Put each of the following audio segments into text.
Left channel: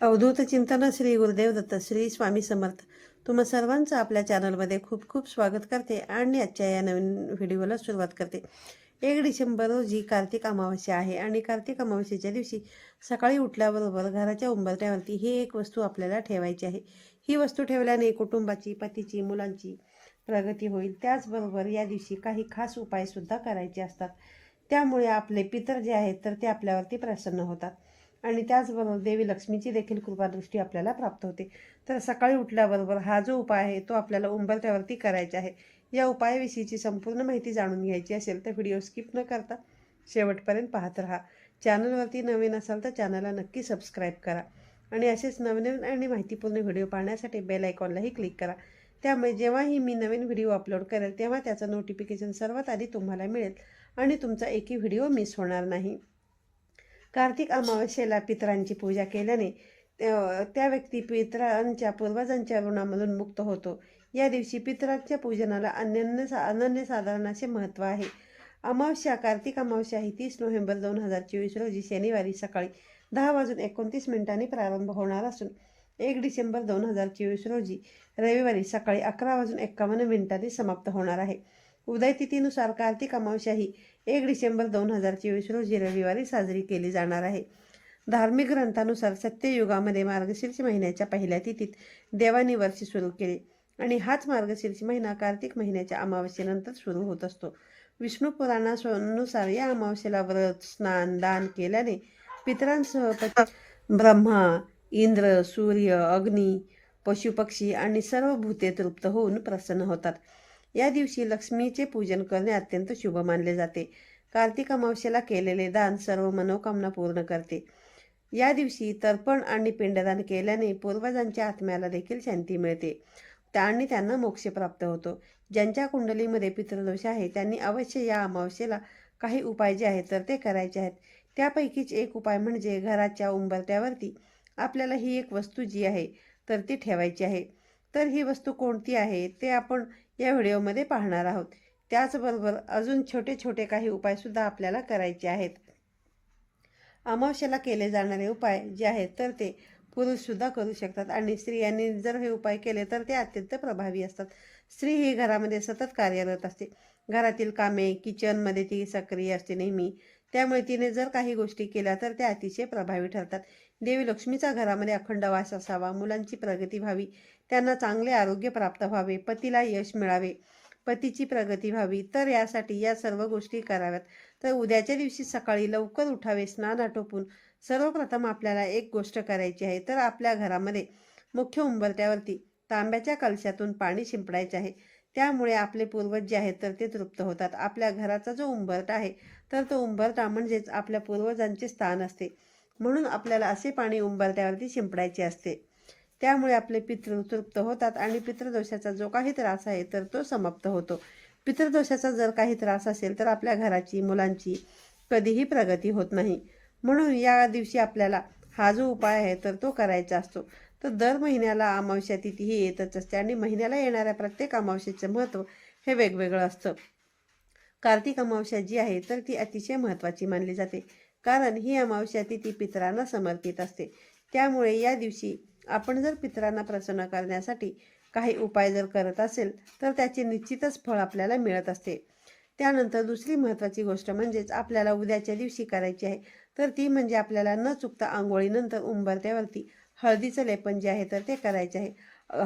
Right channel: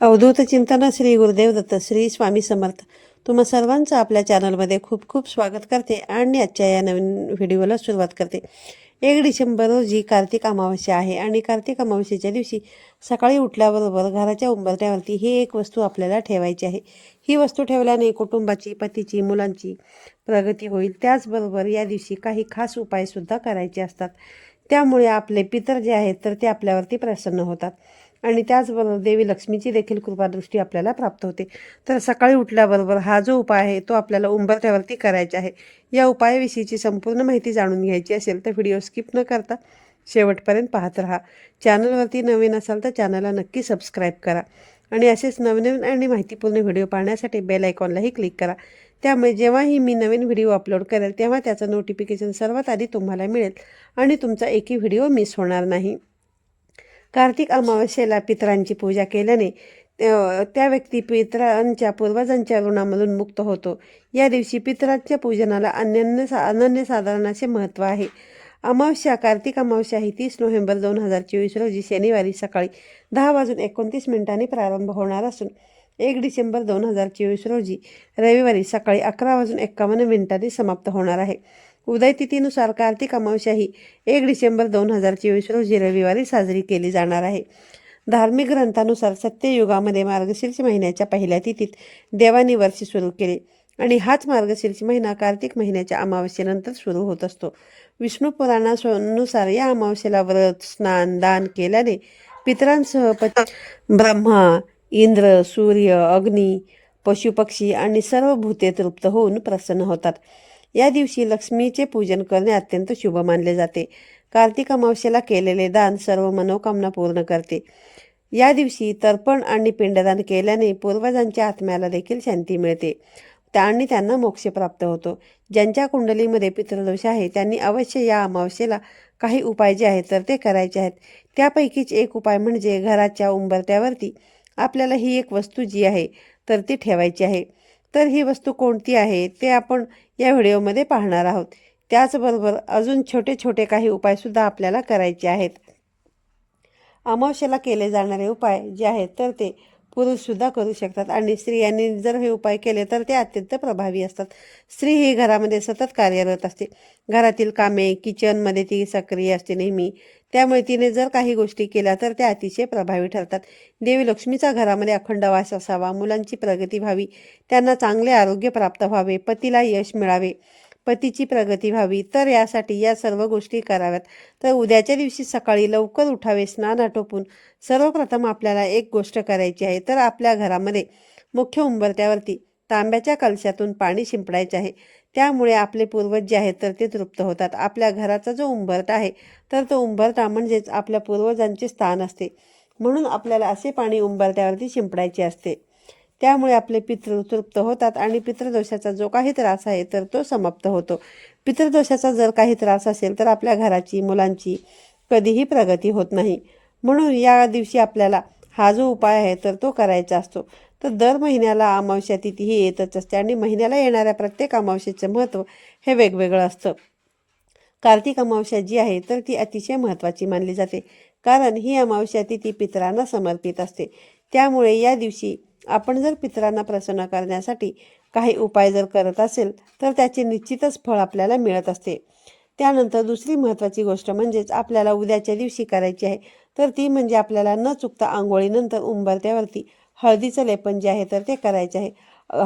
अवधूत चिंतन श्री गुरुदेव दत्त श्री स्वामी समर्थ. तुम्हा सर्वांचं आपल्या चॅनलमध्ये खूप खूप स्वागत करते आणि आजच्या या नवीन व्हिडिओला सुरुवात करते. एक डिसेंबर रोजी कार्तिक अमावस्या आहे आणि कार्तिक अमावस्येच्या दिवशी सकाळी उठल्याबरोबर घराच्या उंबरट्यावरती ही एक वस्तू आपल्याला ठेवायची आहे. ही वस्तू ठेवल्याने कुटुंबाची पतीची मुलांची प्रगती होईल. त्याचबरोबर या दिवशी काही खास उपायसुद्धा करायचे असतात. त्यामुळे आपले पितर जे आहेत तर ते आपल्यावरती प्रसन्न होतात. आणि त्याचबरोबर देवी लक्ष्मीची देखील कृपादृष्टी आपल्याला प्राप्त होते. तर सकाळी उठल्याबरोबर हा जो उपाय आहे तो आपल्याला उंबरठ्यावरती करायचा आहे. या उपायाविषयीची संपूर्ण माहिती जाणून घ्यायची असेल तर व्हिडिओ स्किप न करता शेवटपर्यंत पाहत राहा. चॅनलवरती नवीन असाल तर चॅनलला नक्की सबस्क्राईब करा आणि असेच नवनवीन आणि माहितीपूर्ण व्हिडिओ पाहण्यासाठी बेल आयकॉनलाही क्लिक करा. त्यामुळे जेव्हाही मी नवीन व्हिडिओ अपलोड करेल तेव्हा त्याचं नोटिफिकेशन सर्वात आधी तुम्हाला मिळेल आणि तुमचा एकही व्हिडिओ मिस होणार नाही. कार्तिक अमावस्येला पितरांची पूजा केल्याने त्या व्यक्ती पितरांच्या पूर्वजांच्या ऋणामधून मुक्त होतो. या दिवशी पितरांच्या पूजनाला अनन्य सा अनन्यसाधारण असे महत्त्व आहे. अमावस्या कार्तिक अमावस्या ही तीस नोव्हेंबर दोन हजार चोवीस रोजी शनिवारी सकाळी दहा वाजून एकोणतीस मिनिटांनी प्रारंभ होणार असून एक डिसेंबर दोन हजार चोवीस रोजी रविवारी सकाळी अकरा वाजून एक्कावन्न मिनिटांनी समाप्त होणार आहे. उदयतिथीनुसार कार्तिक अमावस्या ही एक डिसेंबर दोन हजार चोवीस रोजी रविवारी साजरी केली जाणार आहे. धार्मिक ग्रंथानुसार सत्ययुगामध्ये मार्गशीर्ष महिन्याच्या पहिल्या तिथीत देवानी वर्ष सुरू केले आणि हाच मार्गशीर्ष महिना कार्तिक महिन्याच्या अमावस्येनंतर सुरू होत असतो. विष्णू पुराणानुसार या अमावस्येला व्रत स्नान दान केल्याने पितरांसह पती ब्रह्मा इंद्र सूर्य अग्नी पशुपक्षी आणि सर्व भूते तृप्त होऊन प्रसन्न होतात. या दिवशी लक्ष्मीचे पूजन करणे अत्यंत शुभ मानले जाते. कार्तिक अमावस्येला केलेले दान सर्व मनोकामना पूर्ण करते. या दिवशी तर्पण आणि पिंडदान केल्याने पूर्वजांच्या आत्म्याला देखील शांती मिळते. आणि त्यांना मोक्ष प्राप्त होतो. ज्यांच्या कुंडलीमध्ये पितृदोष आहे त्यांनी अवश्य या अमावस्येला काही उपाय जे आहेत तर ते करायचे आहेत. त्यापैकीच एक उपाय म्हणजे घराच्या उंबरत्यावरती आपल्याला ही एक वस्तू जी आहे तर ती ठेवायची आहे. तर ही वस्तू कोणती आहे ते आपण या व्हिडिओमध्ये पाहणार आहोत. त्याचबरोबर अजून छोटे छोटे काही उपायसुद्धा आपल्याला करायचे आहेत. अमावस्येला केले जाणारे उपाय जे आहेत तर ते पुरुषसुद्धा करू शकतात आणि स्त्रियांनी जर हे उपाय केले तर ते अत्यंत प्रभावी असतात. स्त्री ही घरामध्ये सतत कार्यरत असते. घरातील कामे किचनमध्ये ती सक्रिय असते नेहमी. त्यामुळे तिने जर काही गोष्टी केल्या तर त्या अतिशय प्रभावी ठरतात. देवी लक्ष्मीचा घरामध्ये अखंड वास असावा मुलांची प्रगती व्हावी त्यांना चांगले आरोग्य प्राप्त व्हावे पतीला यश मिळावे पतीची प्रगती व्हावी. तर यासाठी या सर्व गोष्टी कराव्यात. तर उद्याच्या दिवशी सकाळी लवकर उठावे स्नान आटोपून सर्वप्रथम आपल्याला एक गोष्ट करायची आहे. तर आपल्या घरामध्ये मुख्य उंबरत्यावरती तांब्याच्या कलशातून पाणी शिंपडायचे आहे. त्यामुळे आपले पूर्वज जे आहेत तर ते तृप्त होतात. आपल्या घराचा जो उंबरटा आहे तर तो उंबरटा म्हणजेच आपल्या पूर्वजांचे स्थान असते. म्हणून आपल्याला असे पाणी उंबरट्यावरती शिंपडायचे असते. त्यामुळे आपले पितृ तृप्त होतात आणि पितृदोषाचा जो काही त्रास आहे तर तो समाप्त होतो. पितृदोषाचा जर काही त्रास असेल तर आपल्या घराची मुलांची कधीही प्रगती होत नाही. म्हणून या दिवशी आपल्याला हा जो उपाय आहे तर तो करायचा असतो. तर दर महिन्याला अमावस्या तिथी ही येतच असते आणि महिन्याला येणाऱ्या प्रत्येक अमावस्येचं महत्त्व हे वेगवेगळं असतं. कार्तिक अमावस्या जी आहे तर ती अतिशय महत्त्वाची मानली जाते. कारण ही अमावस्या तिथी पितरांना समर्पित असते. त्यामुळे या दिवशी आपण जर पितरांना प्रसन्न करण्यासाठी काही उपाय जर करत असेल तर त्याचे निश्चितच फळ आपल्याला मिळत असते. त्यानंतर दुसरी महत्त्वाची गोष्ट म्हणजेच आपल्याला उद्याच्या दिवशी करायची आहे तर ती म्हणजे आपल्याला न चुकता आंघोळीनंतर उंबरत्यावरती हळदीचं लेपन जे आहे तर ते करायचे आहे.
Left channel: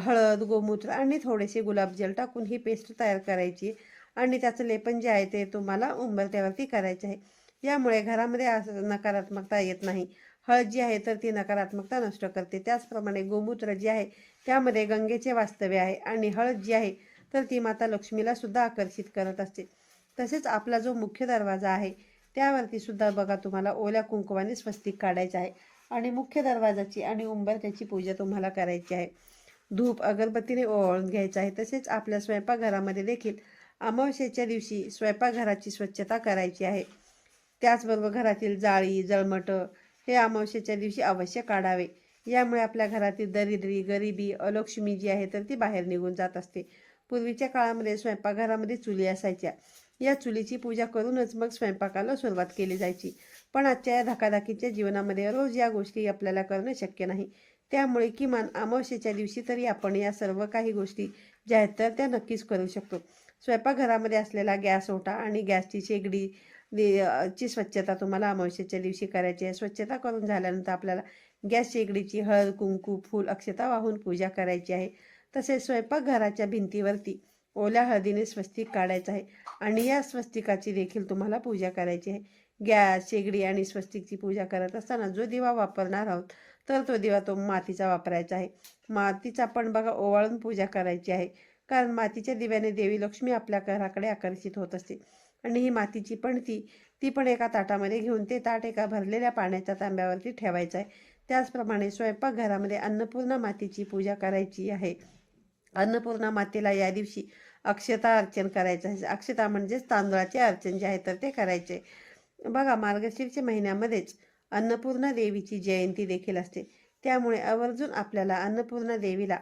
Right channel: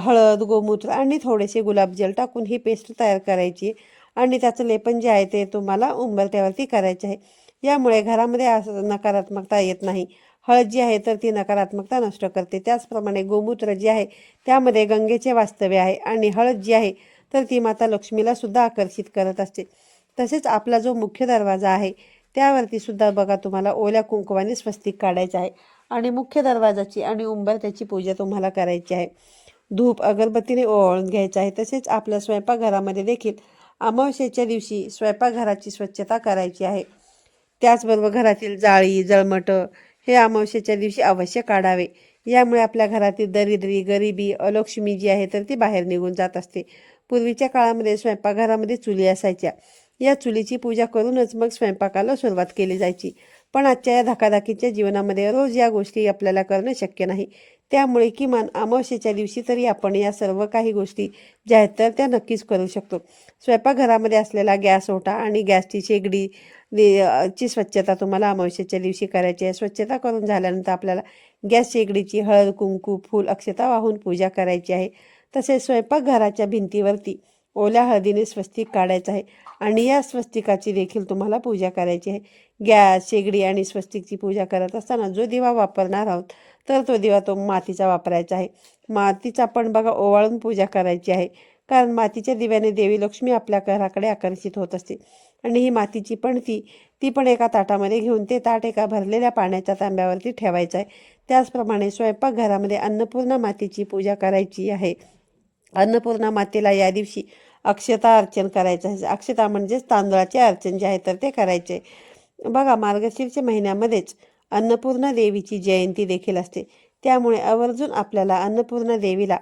हळद गोमूत्र आणि थोडेसे गुलाबजल टाकून ही पेस्ट तयार करायची आणि त्याचं लेपन जे आहे ते तुम्हाला उंबरत्यावरती करायचे आहे. यामुळे घरामध्ये असं नकारात्मकता येत नाही. हळद जी आहे तर ती नकारात्मकता नष्ट करते. त्याचप्रमाणे गोमूत्र जे आहे त्यामध्ये गंगेचे वास्तव्य आहे आणि हळद जी आहे तर ती माता लक्ष्मीला सुद्धा आकर्षित करत असते. तसेच आपला जो मुख्य दरवाजा आहे त्यावरती सुद्धा बघा तुम्हाला ओल्या कुंकवाने स्वस्तिक काढायचं आहे. आणि मुख्य दरवाजाची आणि उंबरत्याची पूजा तुम्हाला करायची आहे. धूप अगरबत्तीने ओवाळून घ्यायचं आहे. तसेच आपल्या स्वयंपाकघरामध्ये देखील अमावस्येच्या दिवशी स्वयंपाकघराची स्वच्छता करायची आहे. त्याचबरोबर घरातील जाळी जळमटं हे अमावस्येच्या दिवशी अवश्य काढावे. यामुळे आपल्या घरातील दरिद्री गरिबी अलक्ष्मी जी आहे तर ती बाहेर निघून जात असते. पूर्वीच्या काळामध्ये स्वयंपाकघरामध्ये चुली असायच्या. या चुलीची पूजा करूनच मग स्वयंपाकाला सुरुवात केली जायची. पण आजच्या या धकाधकीच्या जीवनामध्ये रोज या गोष्टी आपल्याला करणं शक्य नाही. त्यामुळे किमान अमावस्येच्या दिवशी तरी आपण या सर्व काही गोष्टी ज्या आहेत तर त्या नक्कीच करू शकतो. स्वयंपाकघरामध्ये असलेला गॅस ओटा आणि गॅसची शेगडी ची स्वच्छता तुम्हाला अमावस्येच्या दिवशी करायची आहे. स्वच्छता करून झाल्यानंतर आपल्याला गॅस शेगडीची हळद कुंकू फूल अक्षता वाहून पूजा करायची आहे. तसेच स्वयंपाकघराच्या भिंतीवरती ओल्या हळदीने स्वस्तिक काढायचं आहे. आणि या स्वस्तिकाची देखील तुम्हाला पूजा करायची आहे. गॅस शेगडी आणि स्वस्तिकची पूजा करत असताना जो दिवा वापरणार आहोत तर तो दिवा तो मातीचा वापरायचा आहे. मातीचा पण बघा ओवाळून पूजा करायची आहे. कारण मातीच्या दिव्याने देवी लक्ष्मी आपल्या घराकडे आकर्षित होत असते. आणि ही मातीची पण ती ती पण एका ताटामध्ये घेऊन ते ताट एका भरलेल्या पाण्याच्या तांब्यावरती ठेवायचं आहे. त्याचप्रमाणे स्वयंपाकघरामध्ये अन्नपूर्णा मातीची पूजा करायची आहे. अन्नपूर्णा मातेला या दिवशी अक्षता अर्चन करायचं आहे. अक्षता म्हणजेच तांदळाचे अर्चन जे आहे तर ते करायचे. बघा मार्गशीर्ष महिन्यामध्येच अन्नपूर्णा देवीची जयंती देखील असते. त्यामुळे आवर्जून आपल्याला अन्नपूर्णा देवीला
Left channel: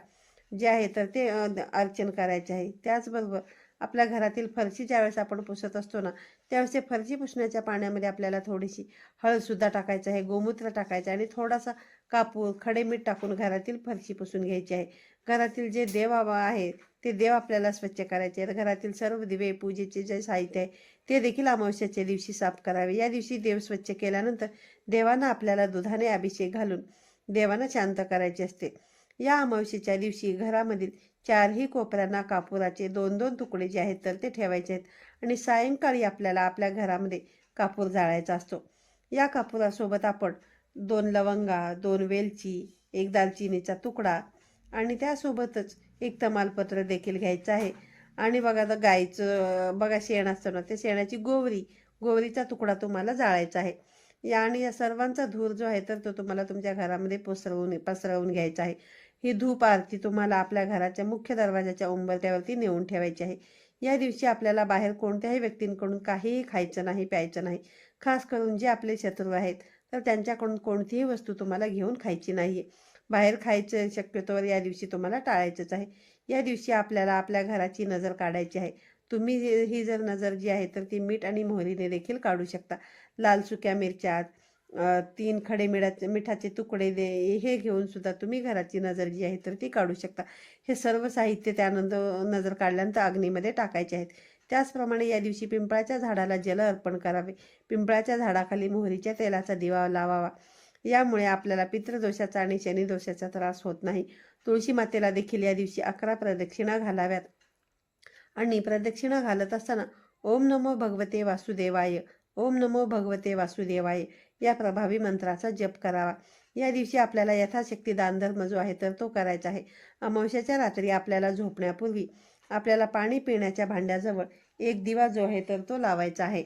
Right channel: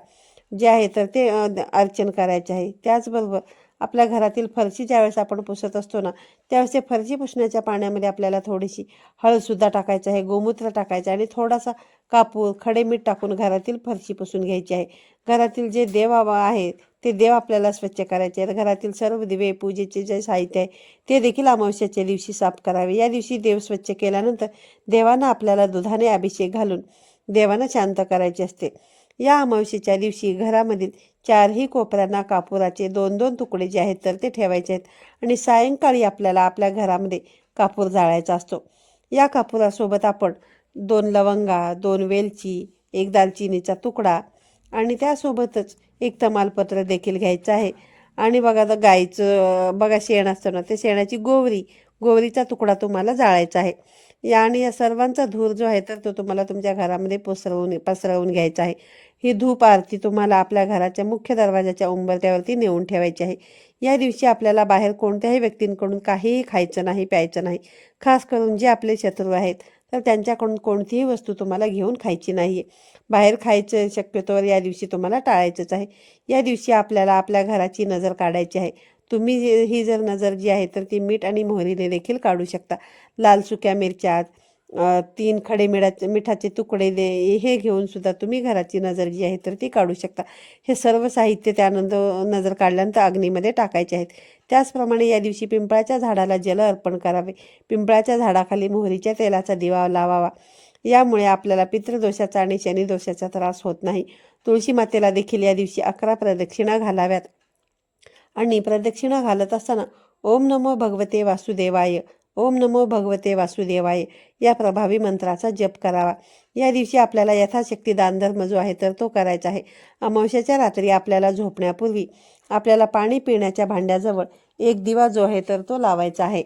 जे आहे तर ते अर्चन करायचे आहे. त्याचबरोबर आपल्या घरातील फरशी ज्यावेळेस आपण पुसत असतो ना त्यावेळेस ते फरशी पुसण्याच्या पाण्यामध्ये आपल्याला थोडीशी हळदसुद्धा टाकायचं आहे गोमूत्र टाकायचं आहे आणि थोडासा कापूर खडे मीठ टाकून घरातील फरशी पुसून घ्यायची आहे. घरातील जे देव आहे ते देव आपल्याला स्वच्छ करायचे आहेत. घरातील सर्व दिवे पूजेचे जे साहित्य आहे ते देखील अमावस्याच्या दिवशी साफ करावे. या दिवशी देव स्वच्छ केल्यानंतर देवांना आपल्याला दुधाने अभिषेक घालून देवांना शांत करायचे असते. या अमावस्येच्या दिवशी घरामधील चारही कोपऱ्यांना कापुराचे दोन दोन तुकडे जे आहेत तर ते ठेवायचे आहेत. आणि सायंकाळी आपल्याला आपल्या घरामध्ये कापूर जाळायचा असतो. या कापुरासोबत आपण दोन लवंगा दोन वेलची एक दालचिनीचा तुकडा आणि त्यासोबतच एक तमालपत्र देखील घ्यायचं आहे. आणि बघा आता गाईचं बघा शेण असतं ना ते शेणाची गोवरी गोवरीचा तुकडा तुम्हाला जाळायचा आहे. या आणि या सर्वांचा धूर जो आहे तर तो तुम्हाला तुमच्या घरामध्ये पसरवून पसरवून घ्यायचा आहे. ही धूप आरती तुम्हाला आपल्या घराच्या मुख्य दरवाजाच्या उंबरट्यावरती नेऊन ठेवायची आहे. या दिवशी आपल्याला बाहेर कोणत्याही व्यक्तींकडून काहीही खायचं नाही प्यायचं नाही खास करून जे आपले शत्रू आहेत तर त्यांच्याकडून कोणतीही वस्तू तुम्हाला घेऊन खायची नाही आहे बाहेर खायचं शक्यतोवर या दिवशी तुम्हाला टाळायचंच आहे. या दिवशी आपल्याला आपल्या घराची नजर काढायची आहे. तुम्ही ही जर नजर जी आहे तर ती मीठ आणि मोहरीने देखील काढू शकता. लाल सुक्या मिरच्या तीन खडे मिठाचे मिठाचे तुकडे दे हे घेऊन सुद्धा तुम्ही घराची नजर जी आहे तर ती काढू शकता. हे सर्व साहित्य त्यानंतर नजर काढल्यानंतर अग्नीमध्ये टाकायचे आहेत. त्याचप्रमाणे या दिवशी पिंपळाच्या झाडाला जल अर्पण करावे. पिंपळाच्या झाडाखाली मोहरीच्या तेलाचा दिवा लावावा. यामुळे आपल्याला पितृदोषाचा आणि शनिदोषाचा त्रास होत नाही. तुळशी मातेला देखील या दिवशी अकरा प्रदक्षिणा घालाव्यात. आणि प्रदक्षिणा घालत असताना ओम नमो भगवते वासुदेवाय ओम नमो भगवते वासुदेवाय या प्रभावी मंत्राचा जप करावा. या दिवशी आपल्याला यथाशक्ती दानधर्म जो आहे तर तो करायचा आहे. अमावश्याच्या रात्री आपल्याला झोपण्यापूर्वी आपल्याला पाणी पिण्याच्या भांड्याजवळ एक दिवा जो आहे तर तो लावायचा आहे.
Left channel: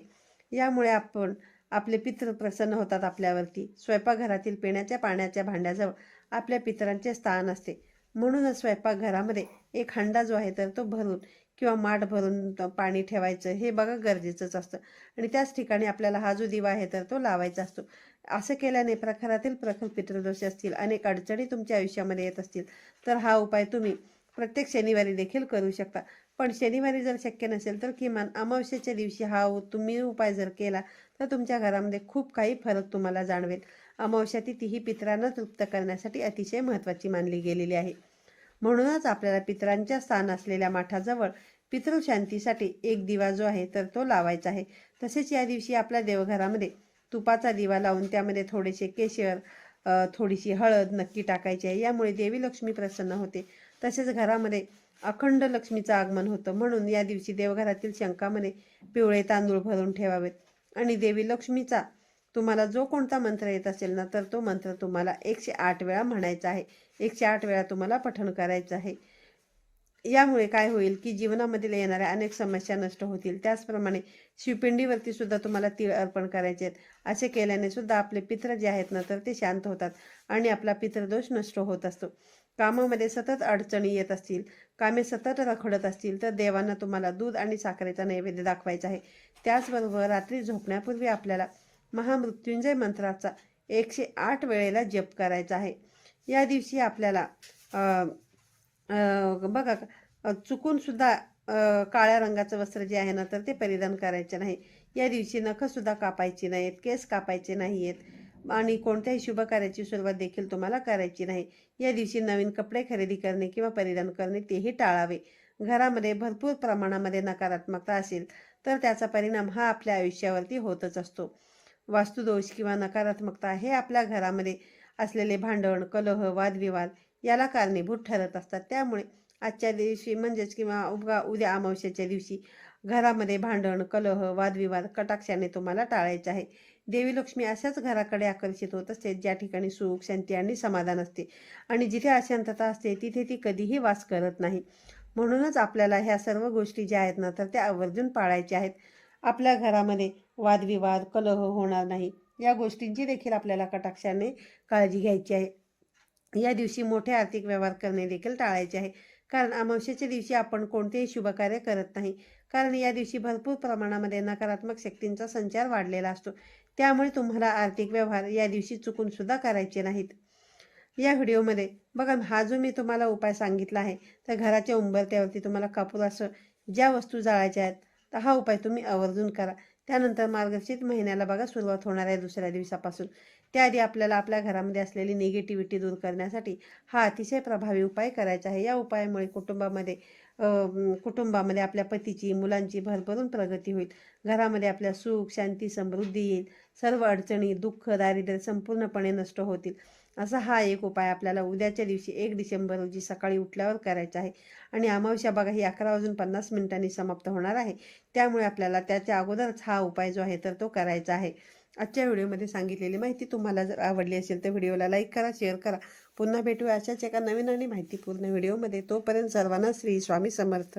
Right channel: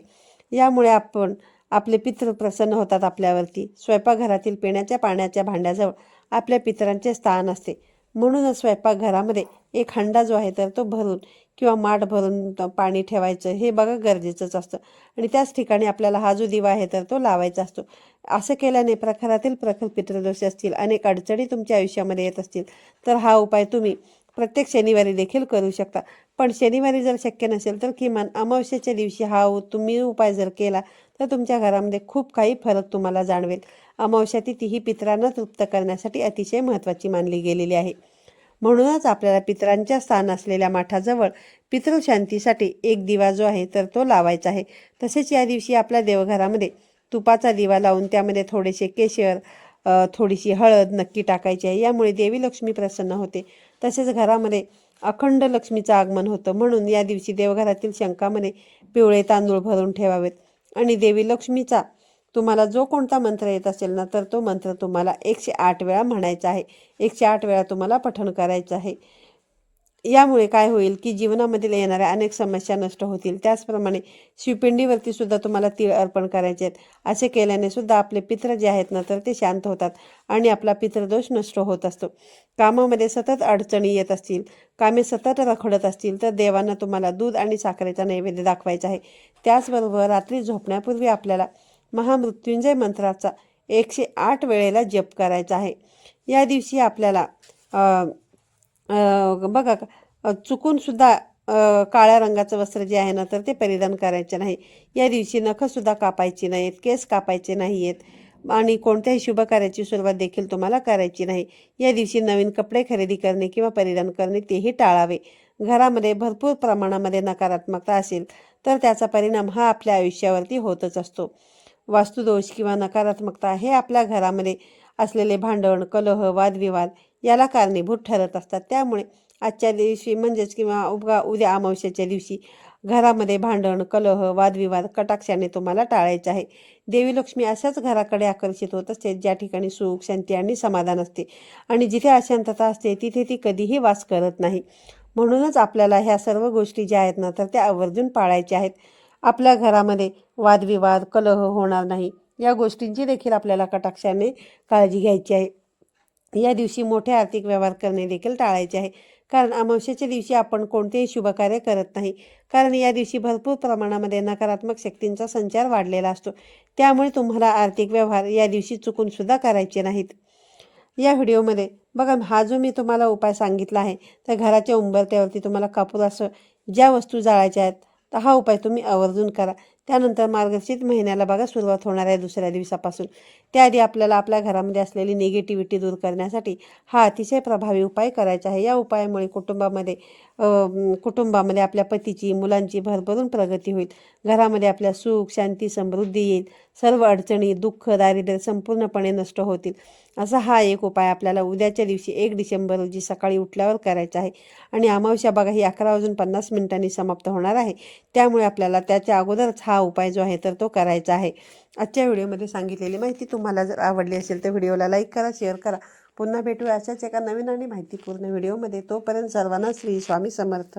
यामुळे आपण आपले पितृ प्रसन्न होतात आपल्यावरती. स्वयंपाकघरातील पिण्याच्या पाण्याच्या भांड्याजवळ आपल्या पितरांचे स्थान असते. म्हणूनच स्वयंपाकघरामध्ये एक हंडा जो आहे तर तो भरून किंवा माठ भरून पाणी ठेवायचं हे बघा गरजेचंच असतं. आणि त्याच ठिकाणी आपल्याला हा जो दिवा आहे तर तो लावायचा असतो. असं केल्याने प्रखरातील प्रखर पितृदोष असतील अनेक अडचणी तुमच्या आयुष्यामध्ये येत असतील तर हा उपाय तुम्ही प्रत्येक शनिवारी देखील करू शकता. पण शनिवारी जर शक्य नसेल तर किमान अमावस्याच्या दिवशी हा तुम्ही उपाय जर केला तर तुमच्या घरामध्ये खूप काही फरक तुम्हाला जाणवेल. अमावस्या तिथी ही पित्रांना तृप्त करण्यासाठी अतिशय महत्त्वाची मानली गेलेली आहे. म्हणूनच आपल्याला पितरांच्या स्थान असलेल्या माठाजवळ पितृशांतीसाठी एक दिवा जो आहे तर तो लावायचा आहे. तसेच या दिवशी आपल्या देवघरामध्ये तुपाचा दिवा लावून त्यामध्ये थोडेसे केशर थोडीशी हळद नक्की टाकायची आहे. यामुळे देवी लक्ष्मी प्रसन्न होते. तसेच घरामध्ये अखंड लक्ष्मीचं आगमन होतं. म्हणून या दिवशी देवघरातील शंकामध्ये पिवळे तांदूळ भरून ठेवावेत. आणि देवी लक्ष्मीचा तुम्हाला जो कोणता मंत्र येत असेल ना तर तो मंत्र तुम्हाला एकशे आठ वेळा म्हणायचा आहे. एकशे आठ वेळा तुम्हाला पठण करायचं आहे. यामुळे काय होईल की जीवनामधील येणाऱ्या अनेक समस्या नष्ट होतील. त्याचप्रमाणे शिवपिंडीवरती सुद्धा तुम्हाला तीळ अर्पण करायचे आहेत. असे केल्याने सुद्धा आपले पित्र जे आहेत ना तर ते शांत होतात आणि आपला पितृदोष नष्ट होत असतो. कामामध्ये सतत अडचणी येत असतील कामे सतत रखडत असतील तर देवांना तुम्हाला दूध आणि साखरेचा नैवेद्य दाखवायचा आहे. त्याचबरोबर रात्री झोपण्यापूर्वी आपल्याला महामृत्युंजय मंत्राचा एकशे आठ वेळेला जप करायचा आहे. या दिवशी आपल्याला बघा चुकूनसुद्धा काळ्या रंगाचं वस्त्र जे आहे ना तर ते परिधान करायचे नाही. या दिवशी नखंसुद्धा कापायची नाहीत केस कापायचे नाही आहेत आणि कोणत्याही शुभ कार्याची सुरुवात देखील तुम्हाला करायची नाही. या दिवशी नवीन कपडे खरेदी करणे किंवा परिधान करणे तेही टाळावे. घरामध्ये भरपूर प्रमाणामध्ये नकारात्मकता असेल तर त्याचा परिणाम हा आपल्या आयुष्यावरती होतच असतो. वास्तुदोष किंवा नकारात्मकता हे आपल्या घरामध्ये असलेले भांडण कलह वादविवाद याला कारणीभूत ठरत असतात. त्यामुळे आजच्या दिवशी म्हणजेच किंवा उगा उद्या अमावस्याच्या दिवशी घरामध्ये भांडण कलह वादविवाद कटाक्षाने तुम्हाला टाळायचे आहे. देवी लक्ष्मी अशाच घराकडे आकर्षित होत असते ज्या ठिकाणी सुख शांती आणि समाधान असते आणि जिथे अशांतता असते तिथे ती कधीही वास करत नाही. म्हणूनच आपल्याला ह्या सर्व गोष्टी ज्या आहेत ना तर त्या आवर्जून पाळायच्या आहेत. आपल्या घरामध्ये वादविवाद कलह होणार नाही. या गोष्टींची देखील आपल्याला कटाक्षाने काळजी घ्यायची आहे. या दिवशी मोठे आर्थिक व्यवहार करणे देखील टाळायचे आहे. कारण अमावस्याच्या दिवशी आपण कोणतेही शुभकार्य करत नाही. कारण या दिवशी भरपूर प्रमाणामध्ये नकारात्मक शक्तींचा संचार वाढलेला असतो. त्यामुळे तुम्हाला आर्थिक व्यवहार या दिवशी चुकूनसुद्धा करायचे नाहीत. या व्हिडिओमध्ये बघा हा जो मी तुम्हाला उपाय सांगितला आहे तर घराच्या उंबरत्यावरती तुम्हाला कापूर असं ज्या वस्तू जाळायच्या आहेत तर हा उपाय तुम्ही आवर्जून करा. त्यानंतर मार्गशीर्ष महिन्याला बघा सुरुवात होणार आहे दुसऱ्या दिवसापासून. त्याआधी आपल्याला आपल्या घरामध्ये असलेली निगेटिव्हिटी दूर करण्यासाठी हा अतिशय प्रभावी उपाय करायचा आहे. या उपायामुळे कुटुंबामध्ये कुटुंबामध्ये आपल्या पतीची मुलांची भरभरून प्रगती होईल. घरामध्ये आपल्या सुख शांती समृद्धी येईल. सर्व अडचणी दुःख दारिद्र्य संपूर्णपणे नष्ट होतील. असा हा एक उपाय आपल्याला उद्याच्या दिवशी एक डिसेंबर रोजी सकाळी उठल्यावर करायचा आहे. आणि अमावस्या बघा ही अकरा वाजून पन्नास मिनिटांनी समाप्त होणार आहे. त्यामुळे आपल्याला त्याच्या अगोदरच हा उपाय जो आहे तर तो करायचा आहे. आजच्या व्हिडिओमध्ये सांगितलेली माहिती तुम्हाला जर आवडली असेल तर व्हिडिओला लाईक करा शेअर करा. पुन्हा भेटूया. अशाच एका नवीन आणि माहितीपूर्ण व्हिडिओमध्ये. तोपर्यंत सर्वांना श्री स्वामी समर्थ.